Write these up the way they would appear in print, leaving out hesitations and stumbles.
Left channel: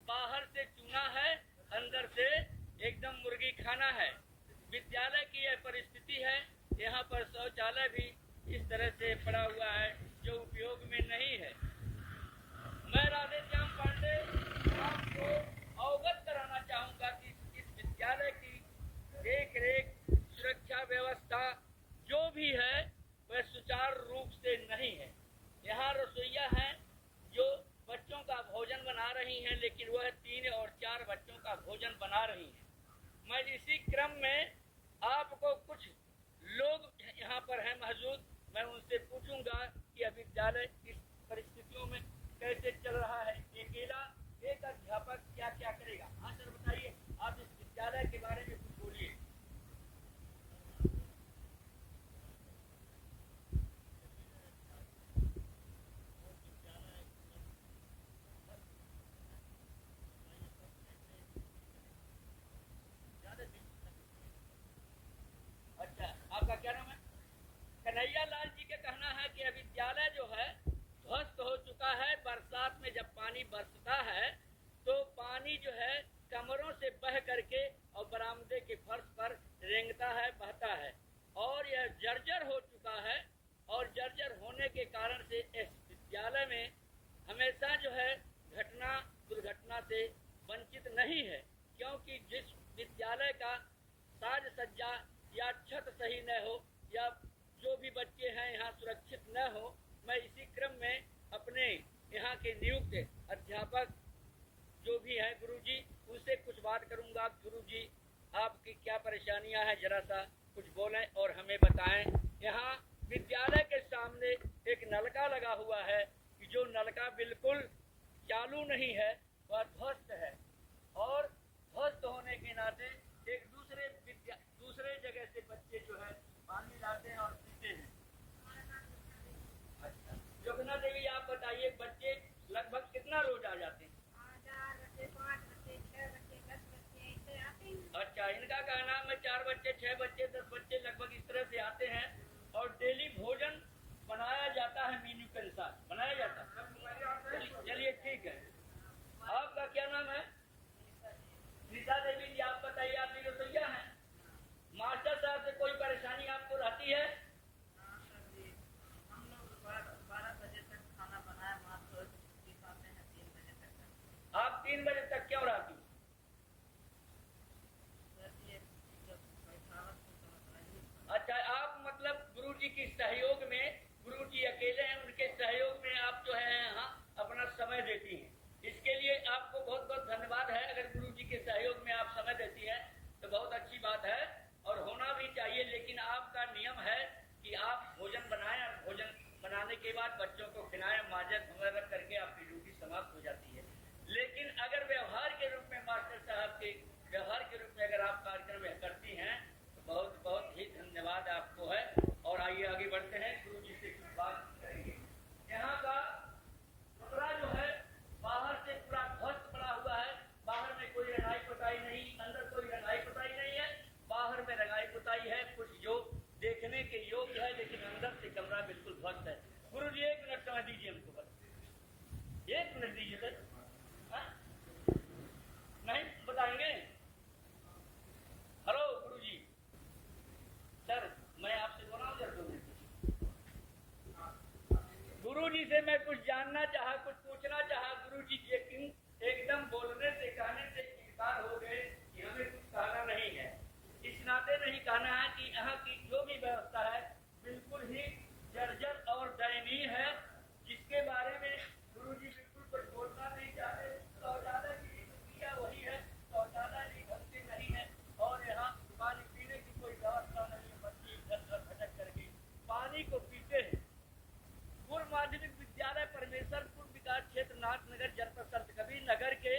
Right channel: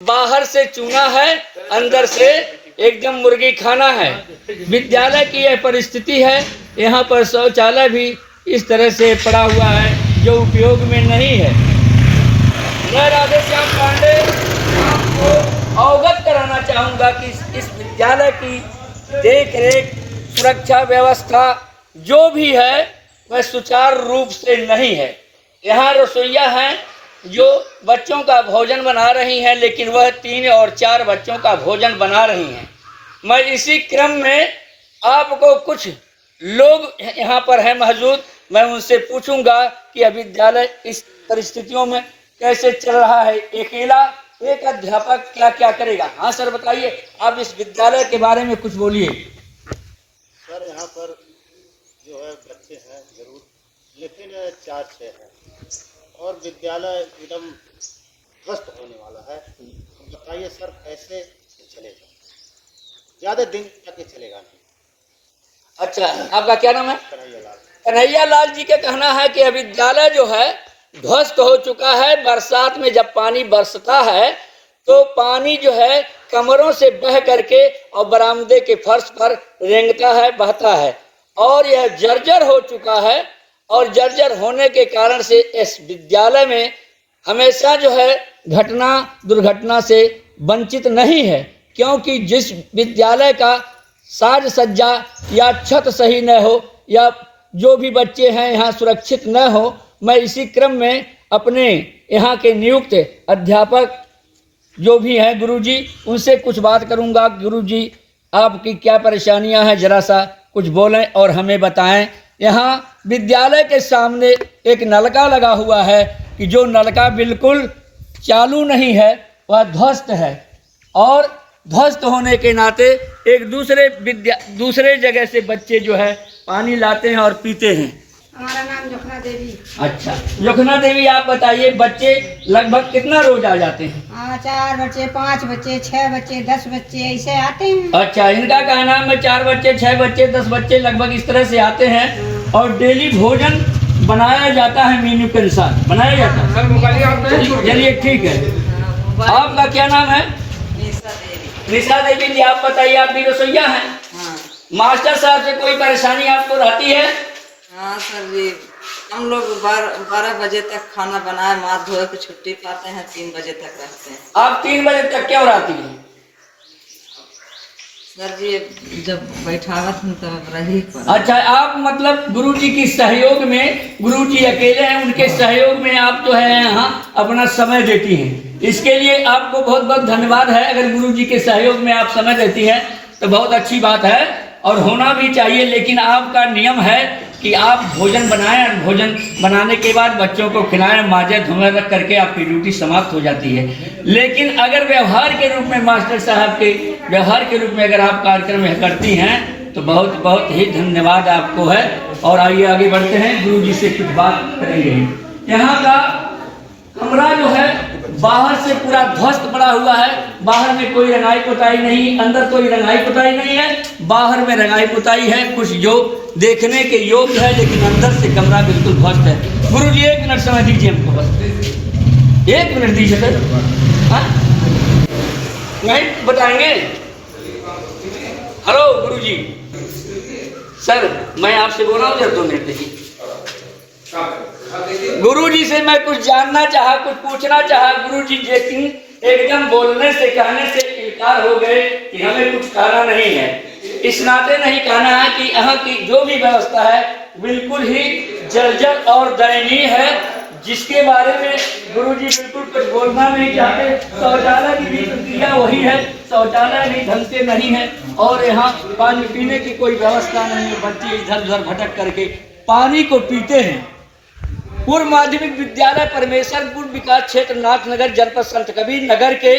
बाहर से चूना है, अंदर से एकदम मुर्गी खाना है। विद्यालय की यह परिस्थिति है। यहाँ पर शौचालय भी इस तरह से पड़ा हुआ है जो उपयोग में नहीं है। मैं राधेश्याम पांडे आपको अवगत कराना चाहूँगा कि इस विद्यालय की देख रेख, सुरक्षा व्यवस्था जो भी है वह सुचारू रूप से नहीं है। यहाँ रसोइया हैं जो बच्चों का भोजन बना रही हैं, लेकिन वह 3 और 4 बच्चों का भोजन बना रही हैं। मैं इसी क्रम में आपको कुछ लोग यहाँ पर हैं मौजूद, मैं उनसे पूछूंगा कि अब विद्यालय इस परिस्थितियों में कैसे चल रहा है। अकेला एक अध्यापक क्या क्या करेगा। हाँ सर बताइए, आप इस विद्यालय के बारे में कुछ बोलिए। सर यहाँ पर जो है बच्चे हैं जरूर, लेकिन 4-6 हैं और विद्यालय एकदम ध्वस्त होने वाला है। बताइए सर कैसे चलेगा, ज़्यादा दिन तक चलेगा नहीं। अच्छा, आपका क्या नाम है? कन्हैया लाल। कन्हैया लाल जी का कहना है कि विद्यालय जो है ध्वस्त हो चुका है। बरसात में जब पानी बरसता है तो पानी जो है कमरों से बह करके और बरामदे के फर्श पर रेंगता है, बहता है और यह जर्जर हो चुका है। और जर्जर होने के कारण से इस विद्यालय में हमेशा जो है घटना दुर्घटना से वंचित नहीं है, क्योंकि जिस विद्यालय का साज सज्जा या छत सही न हो या जो भी बच्चे हैं यहाँ सुरक्षित न हो, मैं इसी क्रम में अपने यहाँ के नियुक्त अध्यापक जो भी हैं गुरुजी, उनसे कुछ बात करूँगा। गुरुजी, आपकी क्या परेशानियाँ हैं, जरा सा कुछ बोलें और हमें बताएं। यहाँ विद्यालय के सामने एक नलका लगा हुआ है कि जो नलका बिल्कुल चालू नहीं है, वह ध्वस्त है और ध्वस्त होने के नाते एक दूसरे जगह से बच्चे जो है पानी लाते हैं और पीते हैं। हमारा नाम जोखना देवी। अच्छा जोखना देवी, आप बताइए बच्चे लगभग कितना रोज आ जाते हैं? 4 बच्चे, 5 बच्चे, 6 बच्चे, 10 बच्चे ऐसे आते हैं। अच्छा, इनका कहना है 4 बच्चे, 6 बच्चे, 10 बच्चे लगभग इस तरह से आते हैं और डेली भोजन बनाया जाता है, मेन्यू के अनुसार बनाया जाता है। चलिए ठीक है। आपका क्या नाम है? निशा देवी जी, आप बताइए, आप भी रसोइया हैं? हाँ। मास्टर साहब से कोई परेशानी आपको रहती है? हाँ सर जी, हम लोग 12 बजे तक खाना बनाए, माथ धोए के छुट्टी पाते हैं, 3 बजे तक रहते हैं। आप 3 बजे तक क्यों रहती हैं? सर जी जब बैठावत हूँ तब रही पर। अच्छा, आप मतलब गुरुजी की सहयोग में, गुरुजी अकेले हैं, उनके सहयोग में आप जो है यहाँ अपना समय देती हैं। इसके लिए आपको बहुत बहुत धन्यवाद है। अगर गुरुजी के सहयोग में आप समय देती हैं तो बहुत अच्छी बात है और होना भी चाहिए। लेकिन आपका नियम है कि आप भोजन बनाएं और भोजन बनाने के बाद बच्चों को खिलाएं, माजे धुएं रख करके आपकी ड्यूटी समाप्त हो जाती है। लेकिन अगर व्यवहार के रूप में मास्टर साहब के व्यवहार के रूप में अगर आप कार्यक्रम करती हैं तो बहुत बहुत ही धन्यवाद आपको है। और आइए आगे बढ़ते हैं, गुरु जी से कुछ बात करेंगे। यहाँ का कमरा जो है बाहर से पूरा ध्वस्त पड़ा हुआ है। बाहर में कोई रंगाई पुताई नहीं, अंदर कोई रंगाई पुताई नहीं है, बाहर में रंगाई पुताई है कुछ जो देखने के योग्य है, लेकिन अंदर से कमरा बिल्कुल ध्वस्त है। गुरु जी 1 मिनट समय दीजिए हमको, बस 1 मिनट दीजिए सर। हाँ नहीं बताएंगे? हेलो गुरु जी, सर मैं आपसे बोल रहा हूँ, जब 2 मिनट दीजिए। गुरुजी से मैं कुछ जानना चाहा, कुछ पूछना चाहा। गुरुजी लेकिन एकदम बोलने से कहने से इनकार हो गए कि हमें कुछ कहना नहीं है। इस नाते नहीं कहना है कि यहाँ की जो भी व्यवस्था है बिल्कुल ही जर्जर और दयनीय है, जिसके बारे में गुरुजी बिल्कुल कुछ बोलना नहीं चाहते। शौचालय की भी प्रक्रिया वही है, शौचालय भी ढंग से नहीं है और यहाँ पानी पीने की कोई व्यवस्था नहीं है। बच्चे इधर उधर भटक करके पानी को पीते हैं। पूर्व माध्यमिक विद्यालय परमेश्वरपुर विकास क्षेत्र नाथनगर जनपद संत कबीर नगर के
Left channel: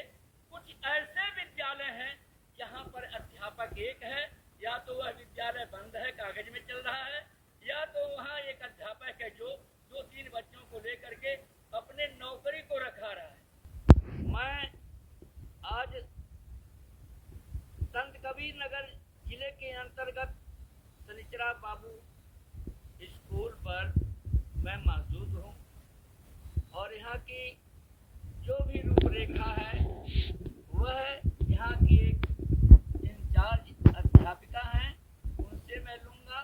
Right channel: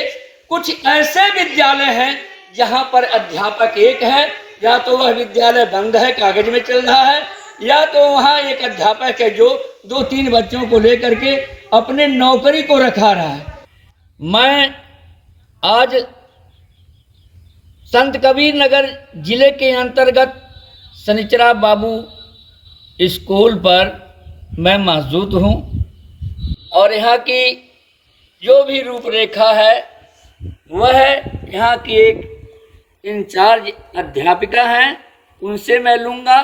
कुछ ऐसे विद्यालय हैं जहां पर अध्यापक एक है, या तो वह विद्यालय बंद है, कागज में चल रहा है, या तो वहां एक अध्यापक है जो 2-3 बच्चों को लेकर के अपने नौकरी को रखा रहा है। मैं आज संत कबीर नगर जिले के अंतर्गत शनिचरा बाबू स्कूल पर मैं मौजूद हूँ और यहाँ की जो भी रूपरेखा है वह यहाँ की एक इंचार्ज अध्यापिका हैं, उनसे मैं लूँगा।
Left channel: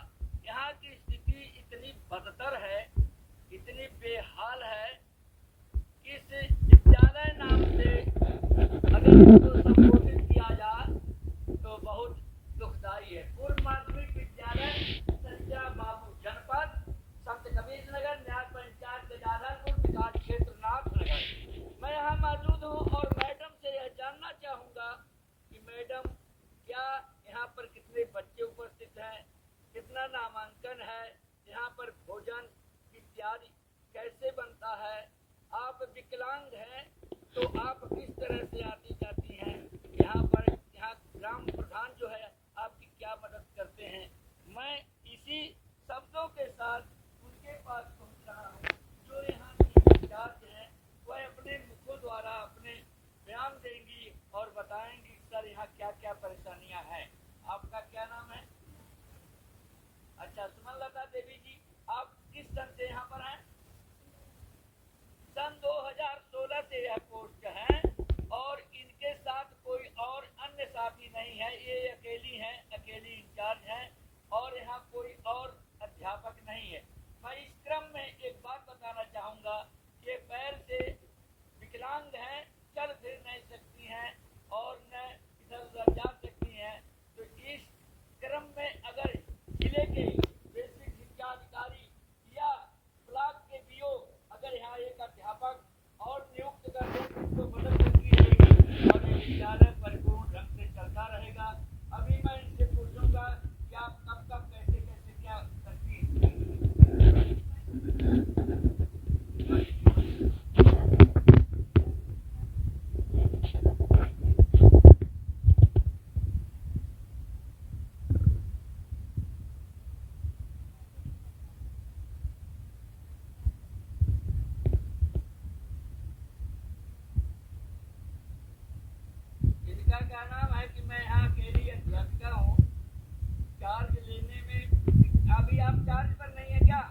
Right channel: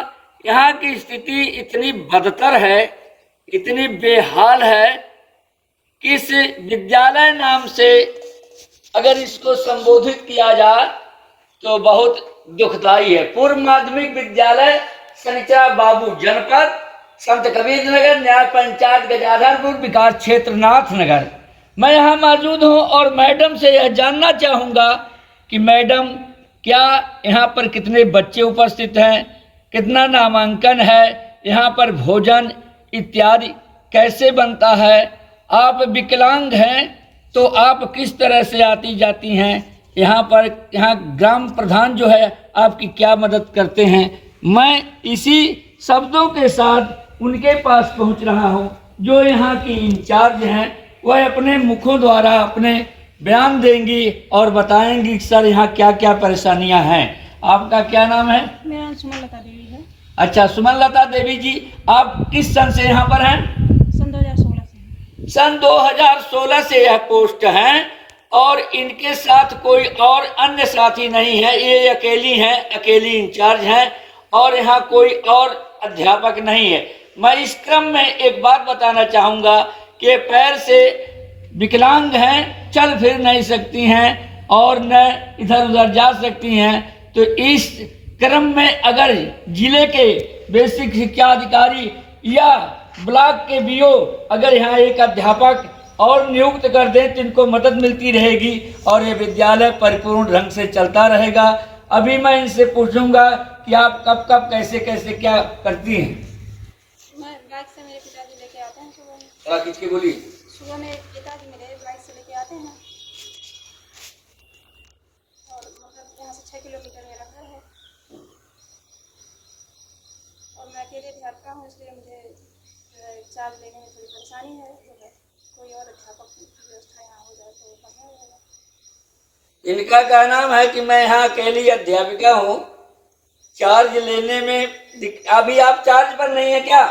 यहाँ की स्थिति इतनी बदतर है, इतनी बेहाल है कि इस विद्यालय नाम से अगर इसको संबोधित किया जाए तो बहुत दुखदाई है। पूर्व माध्यमिक विद्यालय शनिचरा बाबू, जनपद संत कबीर नगर, न्याय पंचायत गजाधरपुर, विकास क्षेत्र नाथ नगर। मैं यहाँ मौजूद हूँ और मैडम से यह जानना चाहूँगा कि मैडम, क्या यहाँ पर कितने बच्चे उपस्थित हैं, कितना नामांकन है, यहाँ पर भोजन इत्यादि कैसे बनता है? आप विकलांग हैं तो आप किस तरह से आती जाती हैं यहाँ पर? यहाँ ग्राम प्रधान जो है आपकी क्या मदद करते हैं? मैं इसी शब्दों के साथ उनके पास पहुँच रहा हूँ जो यहाँ की इंचार्ज हैं। वह अपने मुखों द्वारा अपने बयान देंगी और बताएंगी सर यहाँ क्या क्या परेशानियाँ हैं। आपका क्या नाम है? मेरा नाम सुमन लता देवी है। अच्छा, सुमन लता देवी जी, आप किस सन से यहाँ पर हैं? सन 2016 से। सन 2016 से यह पोस्ट हैं और इनके साथ कोई और अन्य साथी नहीं है, ये अकेली हैं, अकेली इंचार्ज हैं और यहाँ कोई और अध्यापक नहीं है। मैं इस क्रम में एक बात बताना चाहूँगा कि पैर से विकलांग हैं, चल फिर नहीं सकती हैं और न इधर उधर जा सकती हैं। तो इस क्रम में अगर जिले के बेसिक शिक्षा अधिकारी या ब्लॉक के बीओ अगर यहाँ एक अध्यापक और नियुक्त कर दें तो इनको मदद मिलती रहेगी और ये विद्यालय परिपूर्ण ढंग से चलता रहेगा। अभी मैं इनसे पूछूंगा कि आप कब कब कैसे कैसे क्या करती हैं? बाइक से मेरे पिताजी लेके आते हैं सुबह। खींच के बोलिए। सुबह मेरे पिताजी मेरे बाइक से लेके आते हैं और मतलब यहाँ से 6 किलोमीटर मेरा घर है और मैं अकेले अध्यापिका हूँ, इसलिए मुझे चार्ज लेने में थोड़ी परेशानी है। कोई और अध्यापक की व्यवस्था यहाँ हो जाए तो बढ़िया रहेगा। इनका कहना है कि मैं यहाँ अकेली अध्यापिका हूँ, चार्ज लेने में अभी आप चार्ज पर नहीं है क्या?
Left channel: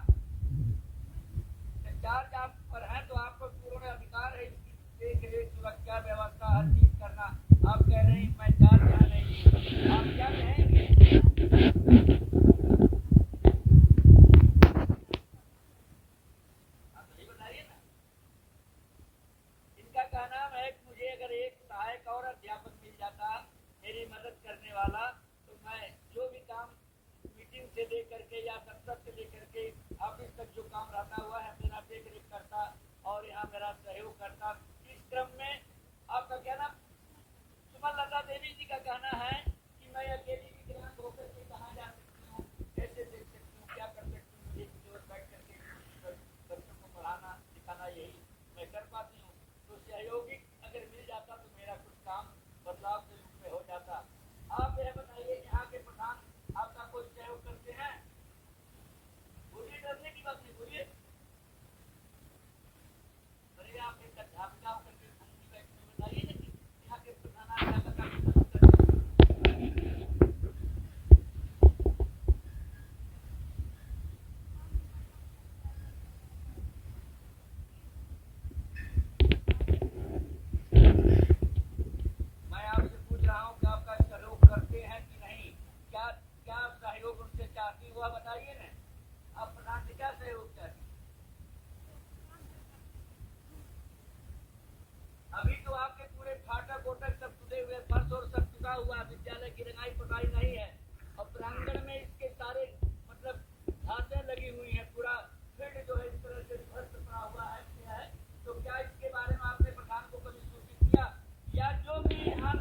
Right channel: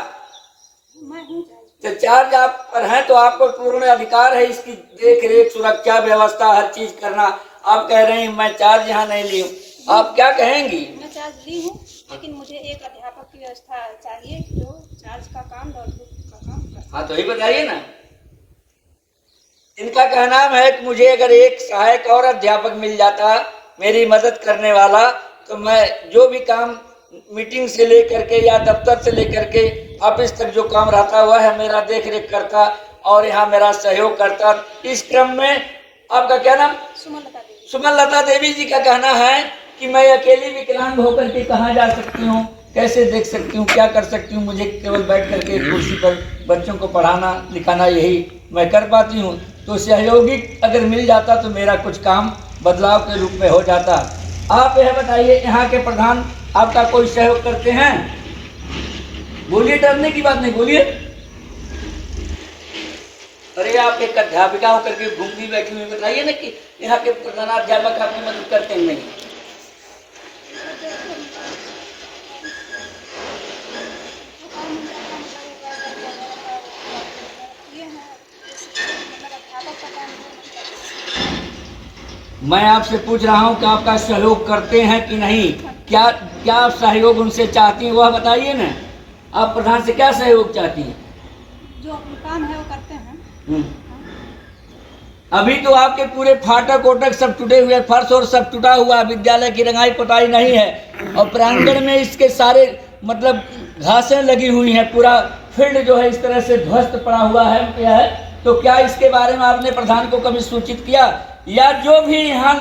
मैं हूँ तो चार्ज आप पर हैं तो आपको पूर्ण अधिकार है इसकी देख रेख, सुरक्षा, व्यवस्था, हर चीज करना। आप कह रहे हैं मैं चार्ज यहाँ नहीं ली हूँ, आप क्या कहेंगी? मैं चार्ज ली हूँ, लेकिन मुझे एक अध्यापक की व्यवस्था चाहिए जो चार्ज का काम और का काम कर। हाँ तो ही बताइए ना। इनका कहना है कि मुझे अगर एक सहायक और अध्यापक मिल जाता मेरी मदद करने वाला तो मैं जो भी काम मीटिंग से लेकर के या दफ्तर से लेकर के ऑफिस तक जो काम रहता हुआ है मेरा देख रेख करता और यहाँ मेरा सहयोग करता। इस क्रम में आपका क्या नाम? सुमन लता देवी। सुमन लता देवी जी का कहना है कि मैं अकेली विकलांग होकर के कहाँ जा सकती हूँ, कैसे देख सकती हूँ, क्या कर सकती हूँ? मुझे केवल बैठ करके कुर्सी पर बच्चों को पढ़ाना लिखाना यही मैं कर पाती हूँ। तो सहयोगी अगर मिल जाता तो मेरा कुछ काम बदलाव के रूप में हो जाता। आप यह बताइए, यहाँ के प्रधान आपका कोई सहयोग करते हैं? बोलिए, डरने की बात नहीं, बोलिए। अरे आप एक अध्यापिका होकर के घूमती बैठी हुई, बताइए ना कि यहाँ के प्रधानाध्यापक आपकी मदद करते हैं नहीं? मैं आपसे पूछ रहा हूँ कि आपका सहयोग करते हैं कि नहीं? क्या क्या आप सहयोग उनसे चाहती हैं वह बताइए ना। आप प्रधान से क्या सहयोग चाहती हैं? जो अपना काम है वो करते हैं। अभी तो आपके पूरे फाटक ओटक सब टूटे हुए, फर्श और सब टूटा हुआ, विद्यालय की रंगाई पोताई नहीं है और प्रांगण में इसके सारे मतलब घासें लगी हुई हैं, पूरा फील्ड जो है इस तरह से ध्वस्त पड़ा हुआ है। तो क्या इसके बारे में आपने प्रधान को कभी सूचित किया? या जो भी यहाँ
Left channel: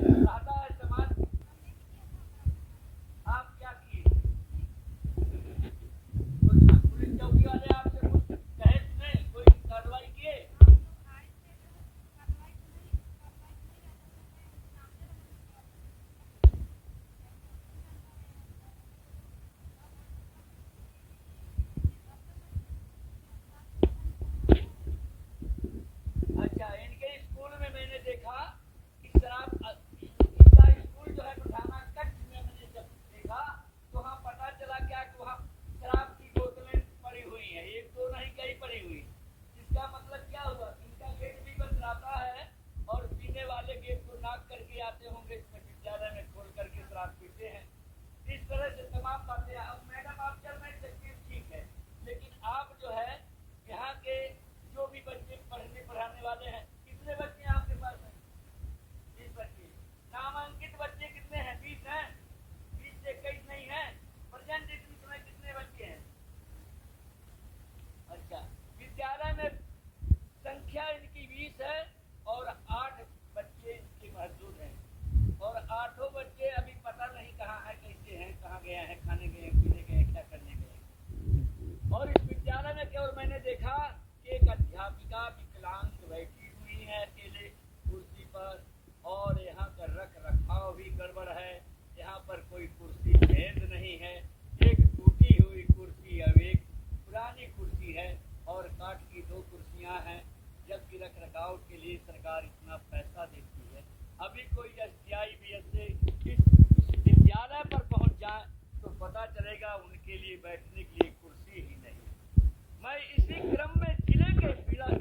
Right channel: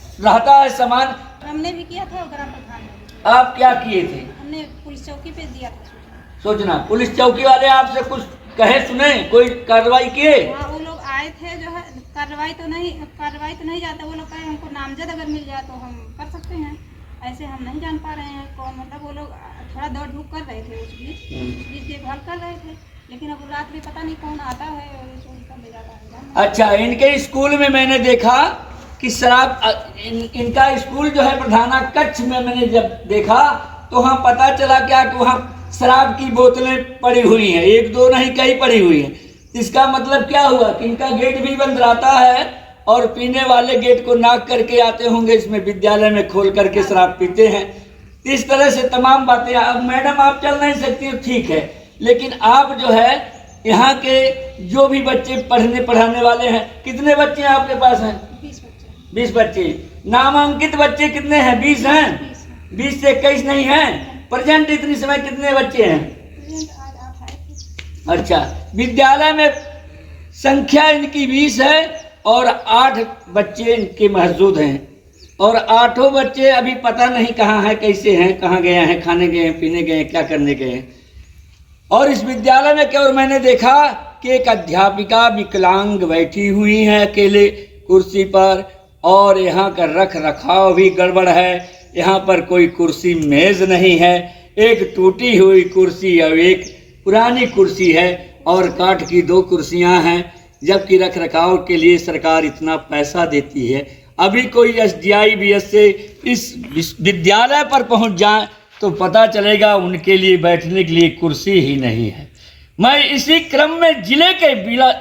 रहता है सामान? हमने भी किया था ग्राम प्रधान ने। आप क्या किए थे? हमने पुलिस चौकी पे दिया था सूचना। पुलिस चौकी वाले आपसे कुछ कहे सुने, कोई कार्रवाई किए? हाँ, वो लोग आए थे, जो है कार्रवाई तो नहीं जाता। वो लोग कहे हमको नामजद अगर मिल जाए तो हम कर सकते हैं, ऐसे हम नहीं जान पा रहे हैं कौन। मतलब वो लोग थोड़ा दौड़ धूप कर रहे थे, उस बीच देखभाल कर रहे थे, लेकिन अब रात में पता नहीं कौन आता है और ले जाता है। अच्छा, इनके स्कूल में मैंने देखा कि शराब, इनका स्कूल जो है प्रधाना कच्छ में मैंने जब देखा तो वहाँ पता चला क्या कि वहाँ शराब की बोतलें पड़ी हुई हैं, एक दो नहीं कई पड़ी हुई हैं। इसका मतलब क्या हुआ कि इनका गेट भी बंद रहता है और पीने वाले गेट को नाक करके आते होंगे, इसमें विद्यालय में खोल करके शराब पीते हैं। इस तरह से तमाम बातें। अब मैडम आप चल नहीं सकती हो, ठीक है, लेकिन आप जो है यहाँ के जो भी बच्चे पढ़ाने वाले हैं, कितने बच्चे आपके पास हैं? 20 बच्चे। नामांकित बच्चे कितने हैं? 20 हैं। 20 से 21 नहीं हैं। प्रेजेंट इतनी समय कितने बच्चे हैं? अच्छा, विद्यालय में संख्या इनकी 20 है और 8 बच्चे इनके मौजूद हैं, और 8 बच्चे अभी पता नहीं कहाँ हैं, कैसे हैं, कहाँ गए हैं, खाने गए हैं, पीने गए हैं, क्या करने गए हैं। और इस विद्यालय में क्या, और मैंने देखा कि एक अध्यापिका विकलांग बैठी हुई है अकेले कुर्सी पर, और यहाँ का रख रखाव भी गड़बड़ है। यहाँ पर कोई कुर्सी मेज नहीं है, एक टूटी हुई कुर्सी और एक पुरानी कुर्सी है, और काठ की 2 कुर्सियाँ हैं, जबकि रख रखाव के लिए सरकार इतना पैसा देती है। अभी कोई SDI से इस विद्यालय पर पहुँच जाए तो पता चलेगा उनके लिए बैठने के लिए कुर्सी ही नहीं है। मैं इसी क्रम में जिले के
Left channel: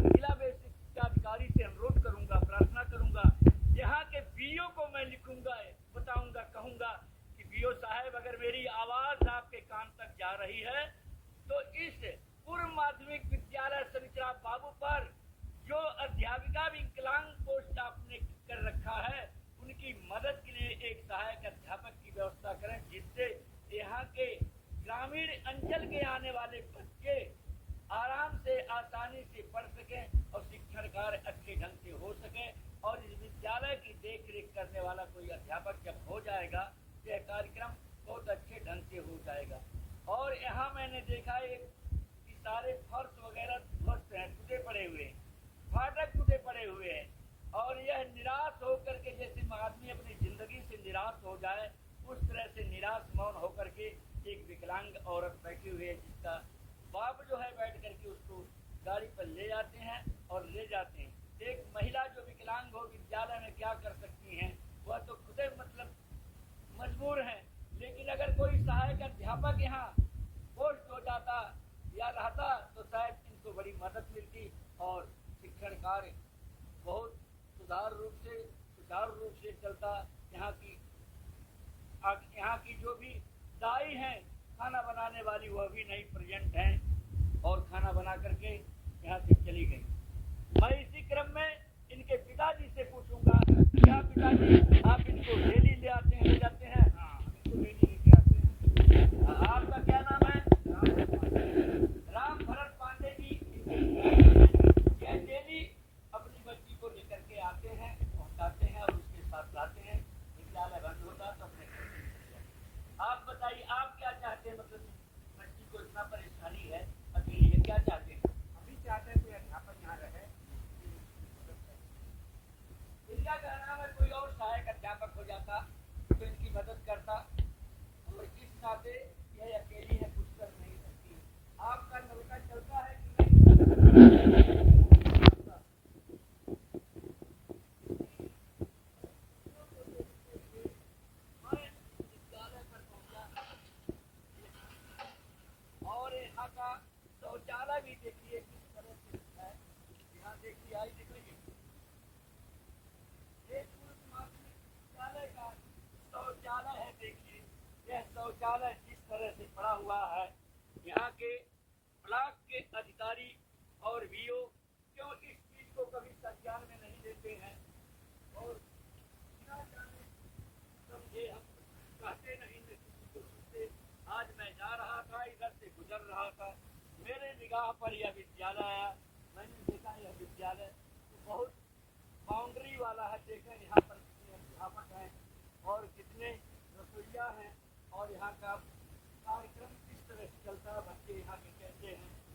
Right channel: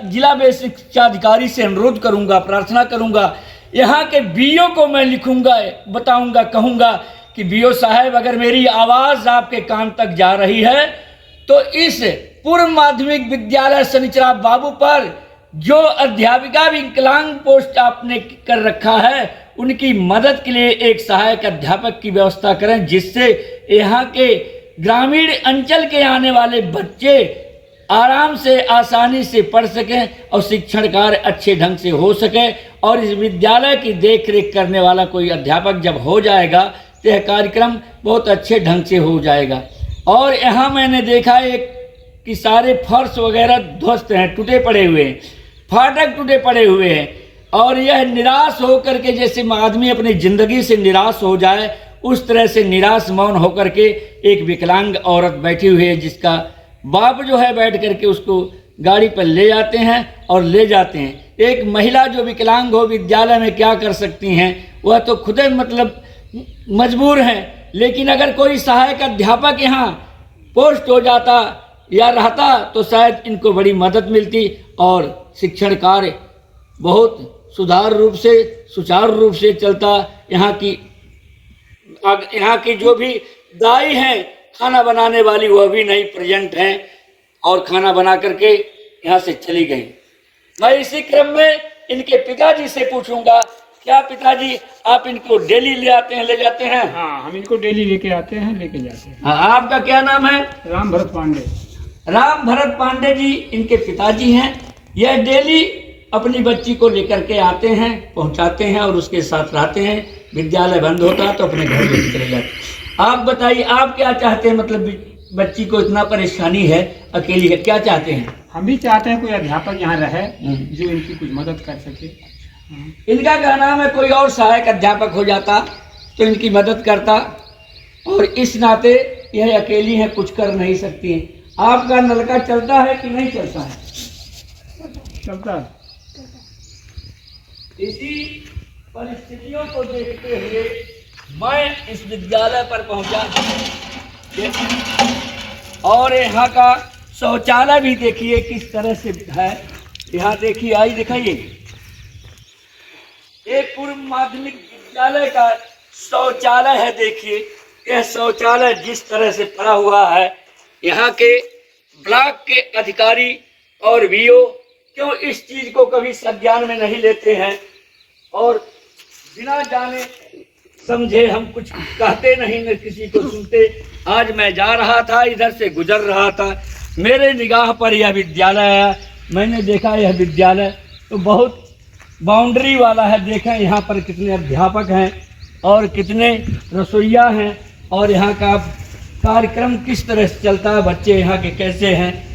जिला बेसिक शिक्षा अधिकारी से अनुरोध करूंगा, प्रार्थना करूंगा, यहाँ के BO को मैं लिखूंगा, बताऊंगा, कहूंगा कि BO साहब, अगर मेरी आवाज़ आपके कान तक जा रही है तो इस पूर्व माध्यमिक विद्यालय शनिचरा बाबू पर जो अध्यापिका विकलांग पोस्ट आपने कर रखा है, उनकी मदद के लिए एक सहायक अध्यापक की व्यवस्था करें, जिससे यहाँ के ग्रामीण अंचल के आने वाले बच्चे आराम से, आसानी से पढ़ सकें और शिक्षण कार्य अच्छे ढंग से हो सके। और इस विद्यालय की देख रेख करने वाला कोई अध्यापक जब हो जाएगा तो यह कार्यक्रम बहुत अच्छे ढंग से हो जाएगा। और यहाँ मैंने देखा एक कि सारे फर्श वगैरह ध्वस्त हैं, टूटे पड़े हुए हैं, फाटक टूटे पड़े हुए हैं, और यह निराश होकर के, जैसे आदमी अपनी ज़िंदगी से निराश हो जाए, उस तरह से निराश मौन होकर के एक विकलांग औरत बैठी हुई है, जिसका बाप जो है बैठ करके उसको गाड़ी पर ले जाते हैं और ले जाते हैं। एक महिला जो विकलांग हो विद्यालय में क्या कर सकती हैं, वह तो खुद मतलब मजबूर हैं। लेकिन अगर कोई सहायक अध्यापक यहाँ पोस्ट हो जाता या रहता तो शायद इनको बड़ी मदद मिलती और शिक्षण कार्य बहुत सुचारू रूप से चलता। यहाँ की जो भी दाई हैं खाना बनाने वाली, वह भी नहीं प्रेजेंट हैं और खाना बना करके यहाँ से चली गई। मैं इसी क्रम में इनके पिताजी से पूछूंगा, क्या पिताजी आप इनको डेली ले जाते हैं? हाँ, हम इनको डेली लेके आते हैं, लेके जाते हैं। हाँ, आपका क्या नाम है? राम भरत पांडे। राम भरत पांडे जी इनके पिताजी हैं। यह डेली अपनी बच्ची को लेकर के आते हैं, पहुंचाते हैं और उसके साथ रहते हैं। विद्यालय बंद होता है तो अपने घर लेकर चले जाते हैं। आप बताइए, आप क्या चाहते हैं? मतलब बच्ची को इतना परेशानी है, अकेली है, क्या चाहते हैं? हम भी चाहते हैं कोई अध्यापक यहाँ रहे जो इनकी कुछ मदद कर सके। इनका कहना है कोई और सहायक अध्यापक हो जाता तो इनकी मदद करता, और इस नाते यह अकेली है, कुछ कर नहीं सकती है। आपका नलका चलता है कि नहीं चलता है? चलता है। इसी परिस्थितियों को देखते हुए मैं इस विद्यालय पर पहुंचा, और यहाँ का शौचालय भी देखिए किस तरह से है। यहाँ देखिए, आई दिखाइए, एक पूर्व माध्यमिक विद्यालय का शौचालय है। देखिए यह शौचालय जिस तरह से पड़ा हुआ है, यहाँ के ब्लॉक के अधिकारी और BO क्यों इस चीज को कभी संज्ञान में नहीं लेते हैं, और बिना जाने समझे हम कुछ कहते नहीं, न किसी को सुनते। आज मैं जा रहा था, इधर से गुजर रहा था, मेरे निगाह पर यह विद्यालय आया। मैंने देखा यह विद्यालय तो बहुत बाउंड्री वाला है। देखें यहाँ पर कितने अध्यापक हैं और कितने रसोइया हैं, और यहाँ का कार्यक्रम किस तरह से चलता है, बच्चे यहाँ के कैसे हैं।